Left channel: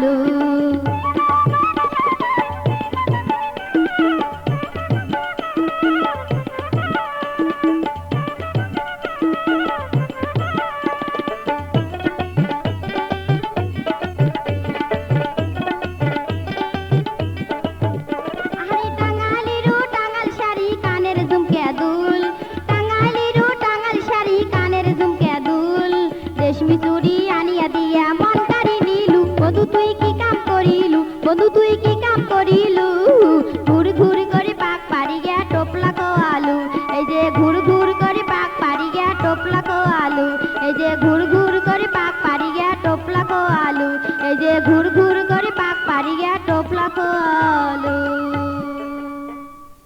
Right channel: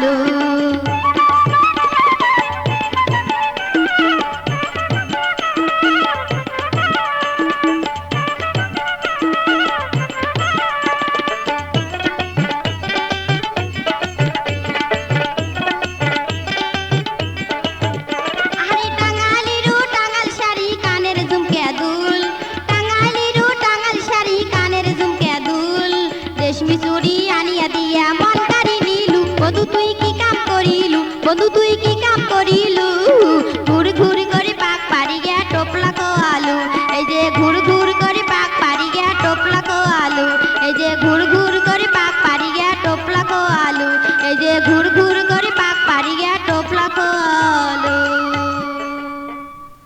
আলু। আরে টাঙ্গাইলেরও টাঙ্গাইল শাড়ি কানের ঝুমকে দুল, টাঙ্গাইলেরও টাঙ্গাইল শাড়ি কানের ঝুমকে দুল, রেশমি চুড়ি আনিয়া দিয়া মন কারি নিলু, বন্ধু তুই কি কাম করিলু, বন্ধু তুই কি কাম করিলু, ঘুর ঘুর করে পাক পাড়ি গে টোপলা কো আলু, এই যে ঘুর ঘুর